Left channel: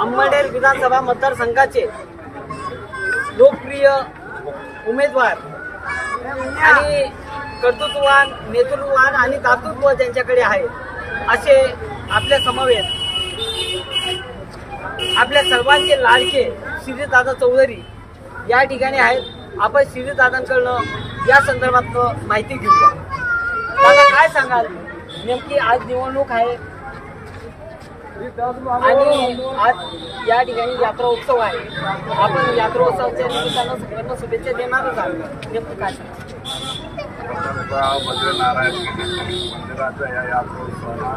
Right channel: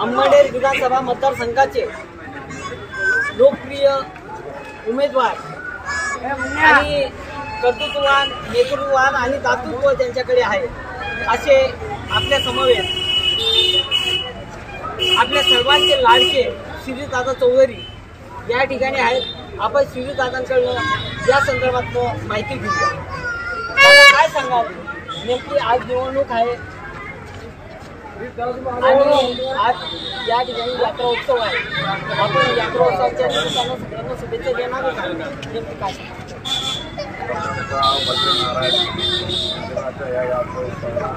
अंमळनेर विधानसभा मतदारसंघाचे लोकप्रिय उमेदवार आणि कर्तृत्ववान, नेतृत्ववान आणि दातृत्व त्यांच्याकडे आहे असे आपल्या समवेत आपल्या सर्वांचे लाडके श्रीदादा चौधरी या ठिकाणी आहेत। आपण श्रीदादांकडून या संदर्भात माहिती घेऊया। दादा, काय सांगाल, नेमकी आज निवडणूक आहे आणि आज या ठिकाणी यात्रा उत्सव आहे। आपण यात्रा उत्सवाच्या निमित्तानं सगळ्यांना शुभेच्छा देणारच आहोत। नेमकी काय मंदिराच्या या यात्रा उत्सवाला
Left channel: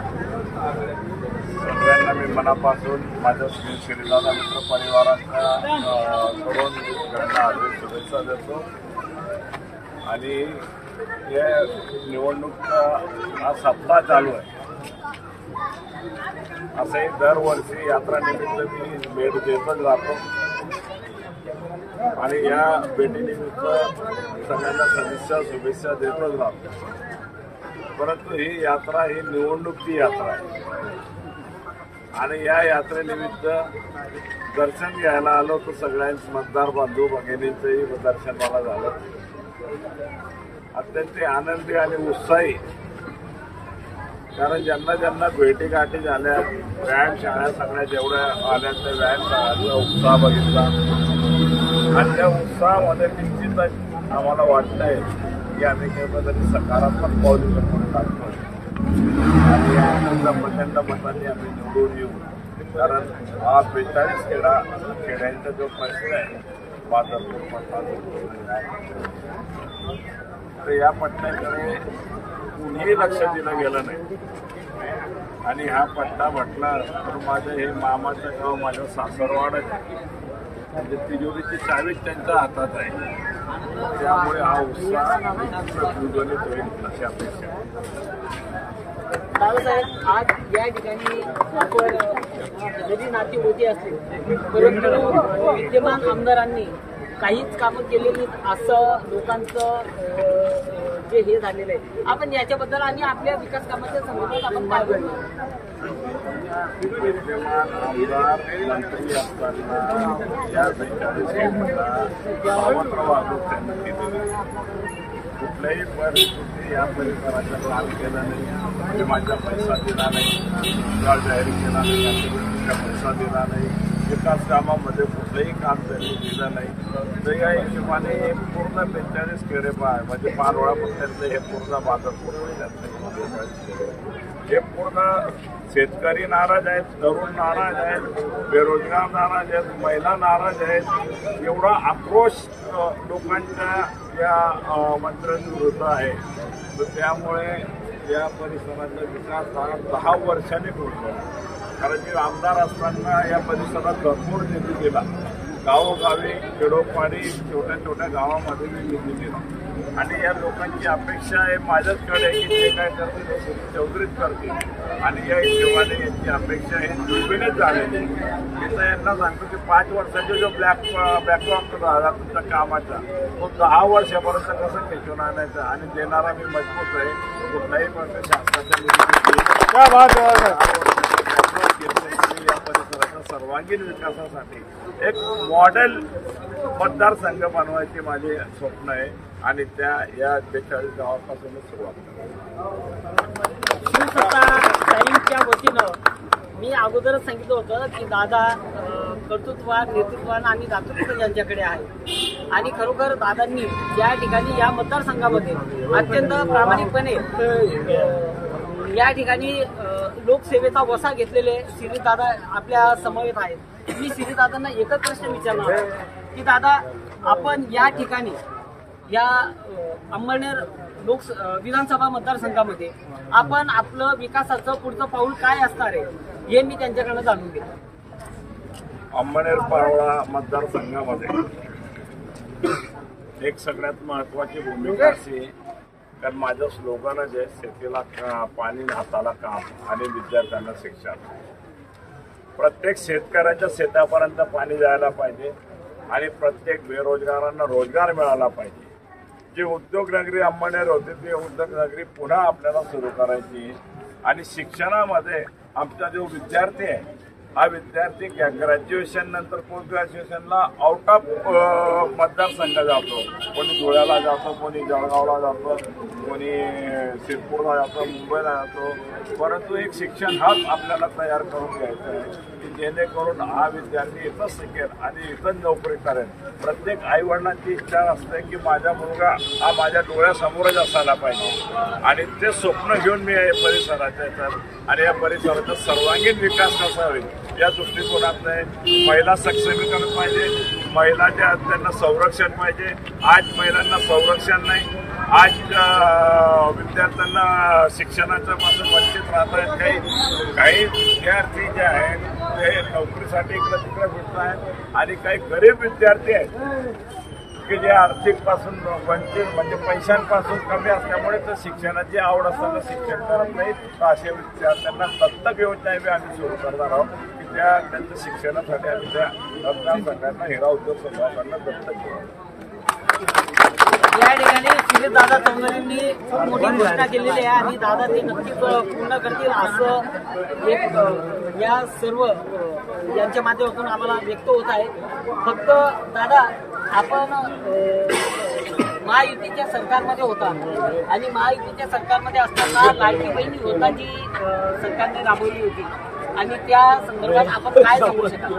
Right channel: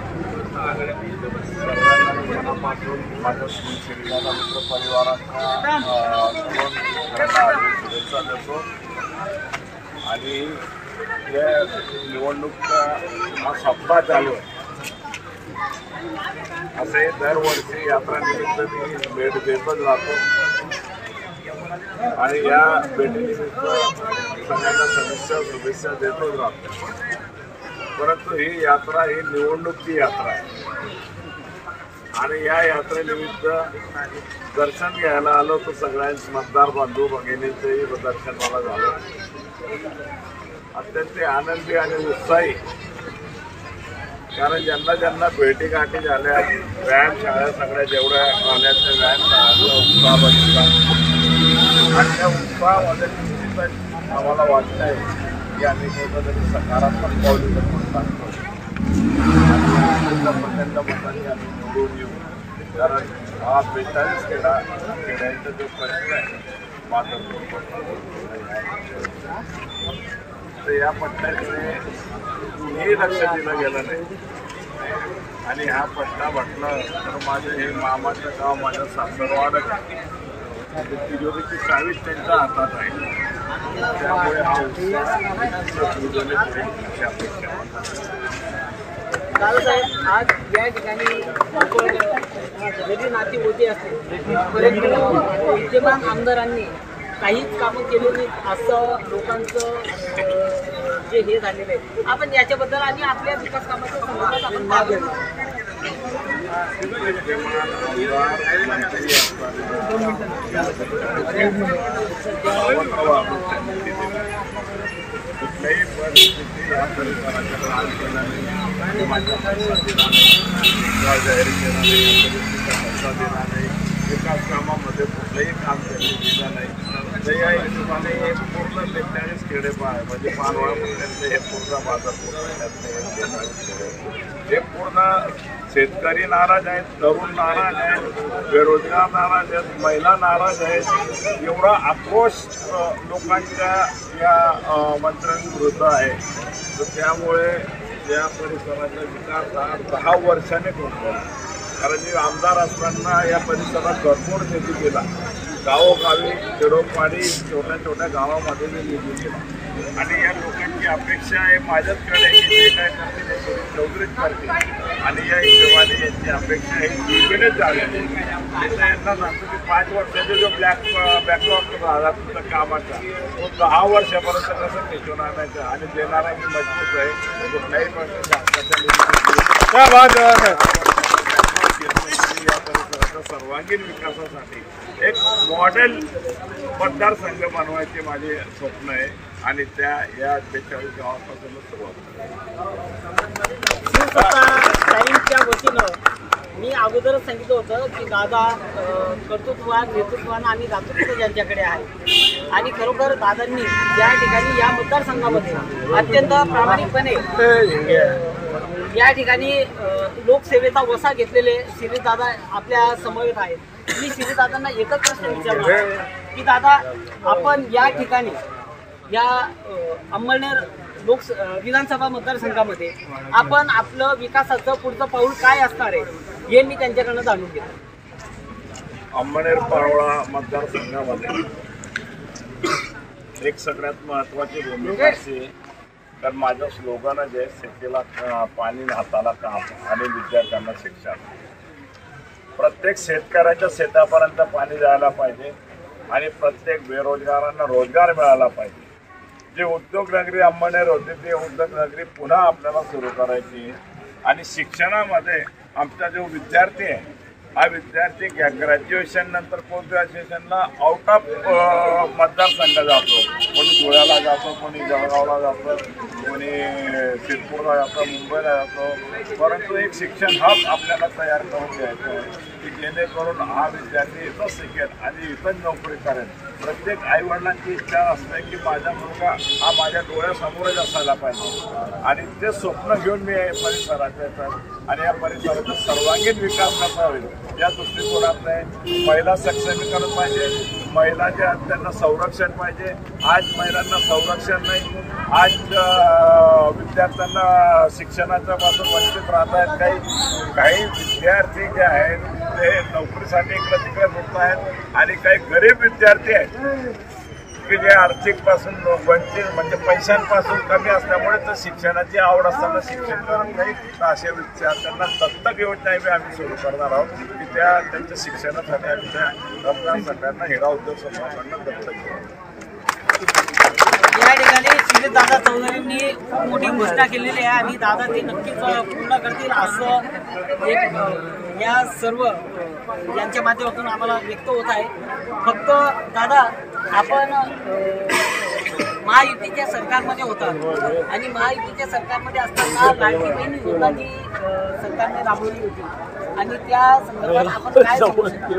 सर्वांना मी मनापासून माझ्या श्रीदादा मित्र परिवाराच्या कडून त्यांना शुभेच्छा देतो। आणि हे निवडणूक हा सप्ताह चालू आहे। असे दरवर्षी यात्रानिमित्त मी भेट देतच राहतो आणि या भेटीनिमित्त सगळ्यांना शुभेच्छा देतच राहतो। परंतु ही यात्रा ही निवडणुकीची यात्रा आहे आणि या यात्रेनिमित्त दर्शन घ्यायला आलो तर सगळ्यांच मतदार बंधू भगिनींचंही दर्शन मला झालं। अत्यंत आनंदी आणि उत्साही, कारण ज्यांना ज्यांना भेटीगाठी झाल्या, व्यायामशाळा सगळ्या जेवढ्या आल्या त्या व्यायामशाळांचा उत्साह बघितला आणि त्या उत्साहामध्ये निश्चितच आम्हाला वाटत आहे की आम्ही कुठेतरी सकारात्मक पाऊल म्हणून टाकतोय आणि आनंद प्रचंड मतांनी आम्ही निवडून येऊ। कारण हा 42 खेड्यांचा जो प्रश्न आहे बाजारपूर तर या पट्ट्याकडे कुणीही लक्ष दिलं गेलं नाही आणि हा पट्टा म्हटला तर माझं हे मामाचं गाव, माझं सासरवाडच आहे, तिजोरीची चावीच त्यांच्या हातात आहे। त्यामुळे हा उत्साह उजवले होईल अशी अपेक्षा। दादासाहेब, आज या ठिकाणी आपण जरी नाती होती असते परंतु विद्यमान आमदारांनी काहीच कामं केली नाहीत असं लोकांचं जे हे झालेलं आहे। आपण याच्याबद्दल आणि आपल्या विकास कामाच्या संदर्भात आपण काय बोलणार? विद्यमान आमदार मंत्री असताना या कुठल्याही परिस्थिती या परिसराचा काम केला नाही, विमाचा पैसा दिला नाही, जाहीर केला नाही, या परिस्थितीचा पैसा दिला नाही, विकास कामामध्ये कुठलंही काम त्यांनी दिलं नाही। तर या हिशोबाने हे पूर्ण 43 खेडे म्हणजे पानवळा पट्ट्यातले हे पूर्ण बाजारपूर हे पूर्ण शेतकरी नाराज आहेत, तरुण नाराज आहेत, बेरोजगार नाराज आहेत, महिला नाराज आहेत। एवढा आक्रोश लोकांच्या या मंत्र्यांविरुद्ध आहे। तर त्यामुळे या परिसराचा विकास हा 10 वर्षांनी होतो। कारण मी आमदार असताना या परिसरात भरपूर निधी दिला, गावोगावी खेडोपाडी छोट्या छोट्या गावामध्ये मी निधी दिला आणि या लोकांची अपेक्षा आहे माझ्याचकडे की जे काय करतील ते सुरेश चौधरीच करतील आणि या हिशोबाने यांची अपेक्षा ही दुर्बिणच झालेली। मी तर यांना सांगतो की 5 वर्षाचा जो बॅकलॉग राहिला तुमच्या कामाचा तो 10 वर्षापर्यंत कसं खेचून आणायचा आणि देणारा मी मजबूत आहे। कुठल्याही प्रकारच्या या परिसराच्या सर्वांगीण विकासासाठी एक मॉडेल मतदारसंघ बनवायचे माझे स्वप्न आहे आणि त्या या 42 गावापासूनच सुरुवात टाईमच्या वतीनं मी अगोदरच सांगितलं होतं की दादा कर्तृत्ववान, नेतृत्ववान आणि दातृत्व ज्यांच्याकडे आहे आणि खरोखर दादांनी या ठिकाणी या मतदारसंघामध्ये अत्यंत प्रामाणिकपणे या ठिकाणी लोकसेवेचा वसा घेतलेले श्रीदादा आपल्या समवेत आहेत। मी श्रीदादांना एकच प्रश्न विचारणार की दादा, आपण या ठिकाणी या अंमळनेर विधानसभा मतदारसंघामध्ये आपण आपलं विकासाचं पुढचं पाऊल काय असणार आहे हे मी त्यांच्याकडनं जाणून घेतो। अंमळनेर पारोळा मतदारसंघामध्ये एक सगळ्यात महत्त्वाची भूमिका अशी आहे, कारण माझं स्लोगनच आहे शेतीला पाणी, हाताला काम आणि विद्यार्थ्यांना शिक्षण। प्रत्येक शेतकऱ्याच्या शेतापर्यंत पाणी जायला पाहिजे आणि प्रत्येक बेरोजगारांना रोजगार मिळाला पाहिजे। जे उद्योगनगरी अंमळनेर होते ते उद्योगनगरी पुन्हा आपल्याला सुरू करायची आणि शिक्षणामध्ये आमचा जो विद्यार्थी आहे हा विद्यार्थी ग्रॅज्युएशन नंतर पोस्ट ग्रॅज्युएशनला आउट ऑफ मतदारसंघ जातो. कोणी धुळ्याला जातो, कोणी जळगावला जातो, कोणी सिरपूरला जातो, मुंबईला जातो. परंतु एक शिक्षण हब आपल्याला तयार करून घ्यायचं आहे की जेणेकरून हा विद्यार्थी इथंच शिकेल आणि इथंच नोकरी करेल. प्रत्येक आईवडिलांची इच्छा असते की माझा मुलगा हा माझ्या डोळ्यासमोरच असायला पाहिजे आणि ते स्वप्न घेऊन मी या परिसराच्या येतात आणि या परिसराचा सर्वांगीण विकास कसा होईल या दृष्टिकोनातून महिला सक्षमीकरण पाहिजे, महिलाच्या त्यांना संरक्षण पाहिजे. आज महिलांना संरक्षण नाही, आज विद्यार्थ्यांना शिक्षणाच्या पासून वंचित राहत आहेत. काही विद्यार्थी जे आहेत ते नोकरीसाठी इकडे तिकडे फिरत आहेत आणि काही गरीब विद्यार्थी आहेत की जे आर्थिक पासून वंचित म्हणजे पैशांपासून कमी असल्यामुळे तर शिक्षणाची आवड असताना शिक्षण करत नाही. तर अशा विद्यार्थ्यांना दत्तक योजना आम्ही सुरू करणार आहोत की त्यांच्या शिक्षणासाठी आम्ही त्या मतदारसंघांना हिरा उद्योग समूहाकडनं दत्तक घेऊ. या ठिकाणी श्री दादा चौधरींनी खूप मोठी घोषणा केलेली आहे आणि दादा ते नक्कीच पूर्ण करतील असं एक या सर्व यांच्या माध्यमातून आम्हाला व्यक्त होत आहे. फक्त दादा आपण महायुतीच्या सरकारमध्ये होता आणि महायुतीच्या सरकारमध्ये असताना लाडकी बहीण योजना जी सरकारने राबवली होती आणि त्या संदर्भात आपण काय सांगू शकाल?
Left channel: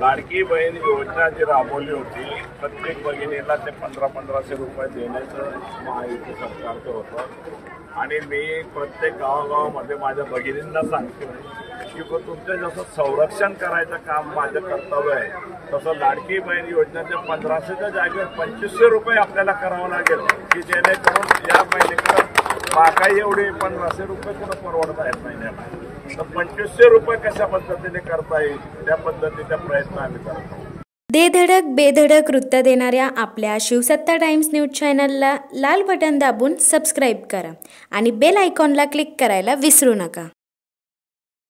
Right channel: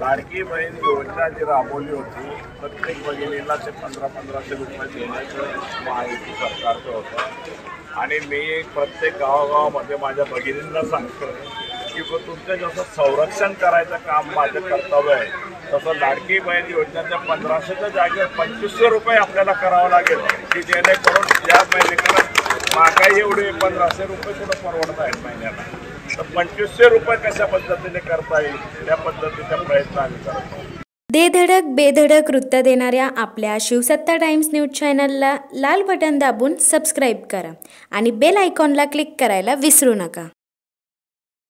लाडकी बहीण योजना जी राबवली होती प्रत्येक बहिणीला ते 1500 रुपये देण्याचं महायुती सरकारचं होतं आणि मी प्रत्येक गावागावामध्ये माझ्या भगिनींना सांगतो की तुमचं जसं संरक्षण करायचं काम माझं कर्तव्य आहे तसं लाडकी बहीण योजनेच्या 1500च्या जागेवर 2500 रुपये आपल्याला करावं लागेल की जेणेकरून या महिलेकडे महागाई एवढी 1500 रुपये कुठं परवडत आहेत महिन्याला. तर 2500 रुपये कशा पद्धतीने करता येईल त्या पद्धतीचा प्रयत्न आम्ही करतो. दे धडक बेधडक वृत्त देणाऱ्या आपल्या शिवसत्ता टाइम्स न्यूज चॅनलला लाल बटन दाबून सबस्क्राईब करा आणि बेल आयकॉनला क्लिक करायला विसरू नका.